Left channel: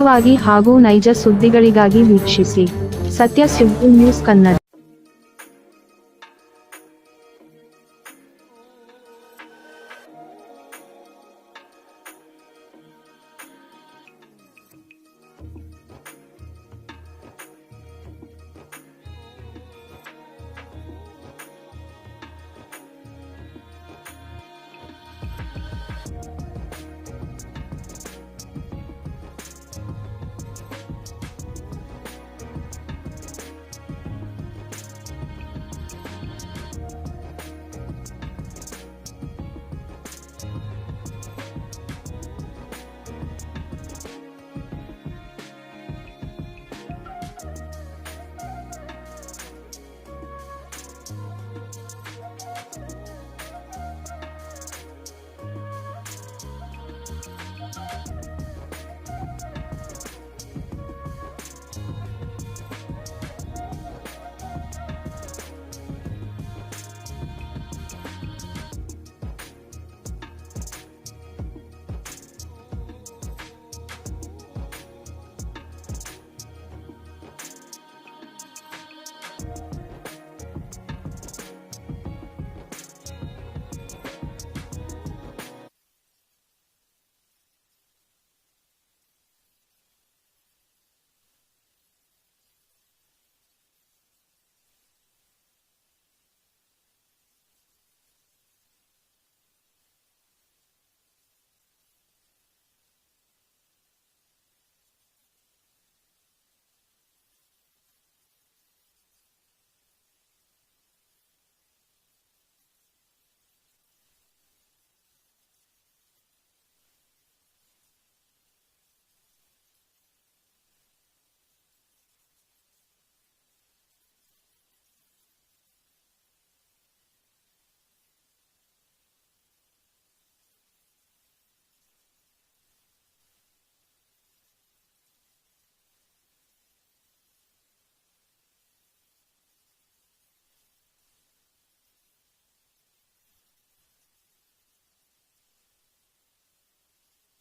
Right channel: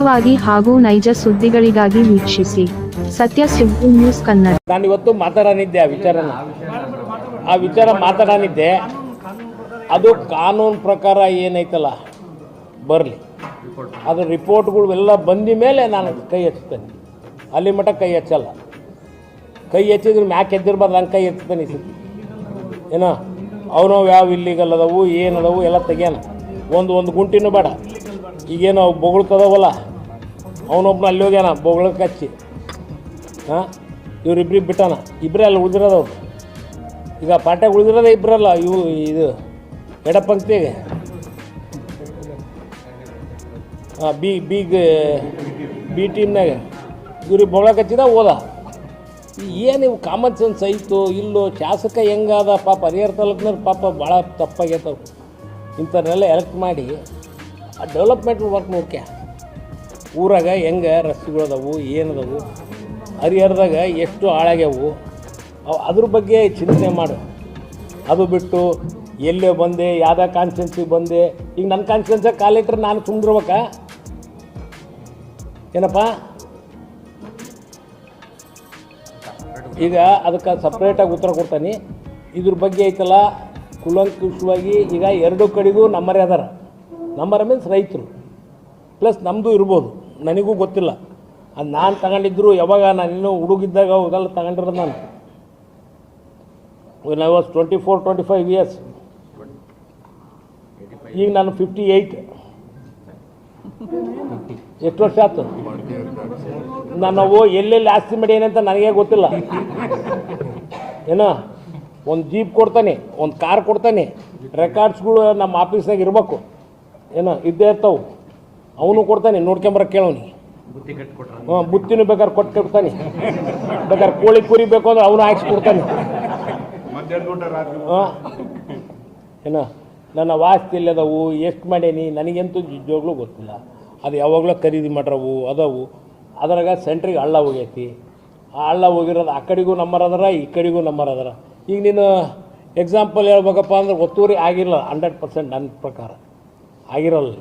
ನಿಖರವಾಗಿ ಹಾಗೂ ನೈಜ ಸುದ್ದಿಗಳಿಗಾಗಿ ವೀಕ್ಷಿಸಿ. ಸತ್ಯ ಸಿಂಪು ನ್ಯೂಸ್ ಕನ್ನಡ. ನಾನು ಇವತ್ತು ಮಾತಾಡನಿದ್ದೆ ಆ ವಿಚಾರನ. ಆ ವಿಚಾರ ಮಾತಾಡನಿದ್ದೆ. ಅದು ಕಾನೂನು ಪ್ರಕಾರ ಏನೈತಲ್ಲ, ಬರಲಿ. ಅದು ರಿಪೋರ್ಟ್ಗಳು ಎಲ್ಲ ಬಂದ ಮೇಲೆ ನಾನು ಕೈ ಹಚ್ತೇನೆ ಅಲ್ಲಿ ಮಟ್ಟ ಕೈ ಹಚ್ಚಲ್ಲ ಕೈ ಹೆಚ್ಚಿದ್ರೆ ಮ್ಯಾಕ್ ಎದ್ದಿರ್ಬಾರ್ದು, ಹಂಗೆ ಕೈ ಈ ಸತಿ. ಏನೋ, ಅವನು ಯಾವ ಇಲ್ಲಿಗಲ್ಲದವು ಏನದವು, ಎಲ್ಲ ತೆಗಿಯೋಣ. ಒಂದು ಒಂದು ಗುಂಟಿನೂ ಬೇಡ. ಈಗೇನು ಅವು ಬೊಗಳ್ತದವಲ್ಲ ಅವನೊಬ್ಬನ ಅಲ್ಲಿ ಹೋಗ್ಯಾನ ಬೊಗಳಕ್ಕೆ ಹಚ್ಚಿ ಹಾಂ? ಇವ್ರಿಬ್ರಿಗೆ ಬಿಟ್ಟಾನ. ಇಬ್ಬರೇ ಅಲ್ಲಿ ಉಳಿದಿರೋದವ್ರು. ಈಗ ಪಾಟ್ಯಾಗ ಉಳಿದಿರೋದೇ ಇಬ್ಬರಲ್ಲ ಇವು ಇದು ಎಡಪಂಕ್ತಿಗೆ. ಹಾಂ, ಬಿ ಬಿಗ್ ಬಿ ಟೀಮ್ನಾಗ. ಇವ್ರಿಗೆ ಬೊಗಳಕ್ಕೆ ಹಚ್ಚಿದ ಓದ ಏನು ಇವು ಕಾಮನ್ ಸೆನ್ಸ್ ಐತು, ಇಲ್ಲೋ, ಶಾಸಕ ಹೆಂಗಾದ ಪಾಪ, ಹರಿಹರ ತಾಲೂಕಿನವ್ರು ಪಾಪ ಭಾಳ ತಪ್ಪಾಗೈತವು ಇಂಥವ್ರನ್ನೆಲ್ಲ ಎಲೆಕ್ಟ್ ಮಾಡಿ ಆ ಡೆವಲಪ್ಮೆಂಟ್ ವರ್ಕ್ ನೋಡ್ಕೆ. ಊರಾಗ ಹೆಂಗೆ ರಸ್ತೆಗಳದಾವು ಏನದವು ಹರಿಹರದಾಗ ಎಷ್ಟು ಹಾಳಾಗ್ಯಾವು ಅವು ಅದ್ರ ಬಗ್ಗೆ ಚಿಂತನೆ ಮಾಡು. ಅದು ಬಿಟ್ಟು ಎಲ್ಲೇ ಬಂದೆ, ಯಾವುದೇ ಕಾನ್ಸ್ಟೆನ್ಸಿಗೆ ಬಂದೆ, ಈಗ ನನ್ನ ಕಾನ್ಸ್ಟೆನ್ಸಾಗ ಕಾಲಿಟ್ರೆ ನಾನು ತುಂಬಿರ್ಬೇಕ ಏನಪ್ಪ? ಈಗ ಅದಕ್ಕೆ ಸಪ್ರೇಟಾಗಿ ಉತ್ತರ ಕೊಡ್ತಾನೆ. ಇದ್ರ ಬಗ್ಗೆ ಐತಲ್ಲ, ಕುಲಂಕುಷವಾಗಿ ಈಗ ಎರಡು ಕಡೆಗೂ ನಮ್ಮರೇ ಅದಾರ. ನಮ್ಮರ ಮೀನ್ಸ್ ರೈತರು. ಪ್ಲಸ್ ನಮ್ಮದು ಇರ್ಬೋದು. ನನಗೂ ಗೊತ್ತಿಲ್ಲ. ಅದು ನಾನು ತಗೊಂಡಿದ್ರು, ಯಾವಾಗ ನಾನು ಇನ್ನೂ ಹುಡುಗಿದ್ದಾಗ ಅವಾಗೆಲ್ಲ ತಗೊಂಡಿರೋದು ನಾನು. I was twenty four twenty five years ಈಗ ನಾನು ಫಿಫ್ಟಿ ಏಯ್ಟ್ ಎಷ್ಟು ವರ್ಷ ಆಯ್ತು ನಾನು ಎಲ್ಲೆಲ್ಲಿ ಆಸ್ತಿ ಮಾಡೀನಿ ಅಂತ ನನಗೆ ಗೊತ್ತಿಲ್ಲ. ಏನೋ, ಒಂದು ಜೀಪ್ ಕೊಡ್ತಾನೆ, ಒಂದು ಕಾರ್ ಕೊಡ್ತಾನೆ ರೆಕಾರ್ಡ್ಸ್ಗಳು ನಮ್ಮ ಆಫೀಸ್ನಾಗ ಇರಬೇಕು. ಏನೋ ಇದ್ದೇ ಇರ್ತಾವೆ. ಅವನು ಕೊಡ್ತಾನೆ ನೋಡ್ಕೊಂಬರ ಕೇಳೋನಿ. ಹಾಂ ಬುತ್ತಿನೂ ಬೇಕಾದ್ರೆ ಕೊಟ್ಟು ಕೊಡ್ತಾನೆ ಬೇಕಾದ್ರೆ ಕೋಳಿ ಕುರಿ ಬೇಕು ಅಂದ್ರೆ ಅವನು ಹಾಕ್ಸಿ ಕೊಡ್ತಾನೆ. ಹಾಂ. ಏನ ನನ್ನ ವಾಸ್ತಿ ಇಲ್ಲದವು ಎಷ್ಟು ಮಾಡೇನಿ ನನಗಂತೂ ನಿಜವಾಗ್ಲೂ ಗೊತ್ತಿಲ್ಲ. ಅದು ಯಾವಾಗಲೂ ಖರೀದಿ ಮಾಡ್ರವು ಅದಾವು. ಅದ್ರಾಗ ಸೆಂಟ್ರಿಗೆ ಹಳ್ಳ ಹೋಗೈತಿ. ಆ ಹಳ್ಳ ಹೋಗಿರೋದು ಆ ಕಡೆಗೂ ನಂಬರ್ ಅದರ ಈ ಕಡೆಗೂ ನಂಬರ್ ಅದರ. ಈಗ ನೀನು ಎಕ್ಸಾಂಪಲ್ ಹೇಳ್ಬೇಕಪ್ಪ ಅಂದ್ರೆ ಒತ್ತುವರಿ ಆಗಿಲ್ಲ ಹಂಡ್ರೆಡ್ ಪರ್ಸೆಂಟ್ ನನ್ನ ಪ್ರಕಾರ. ಆಗಿರಲ್ಲ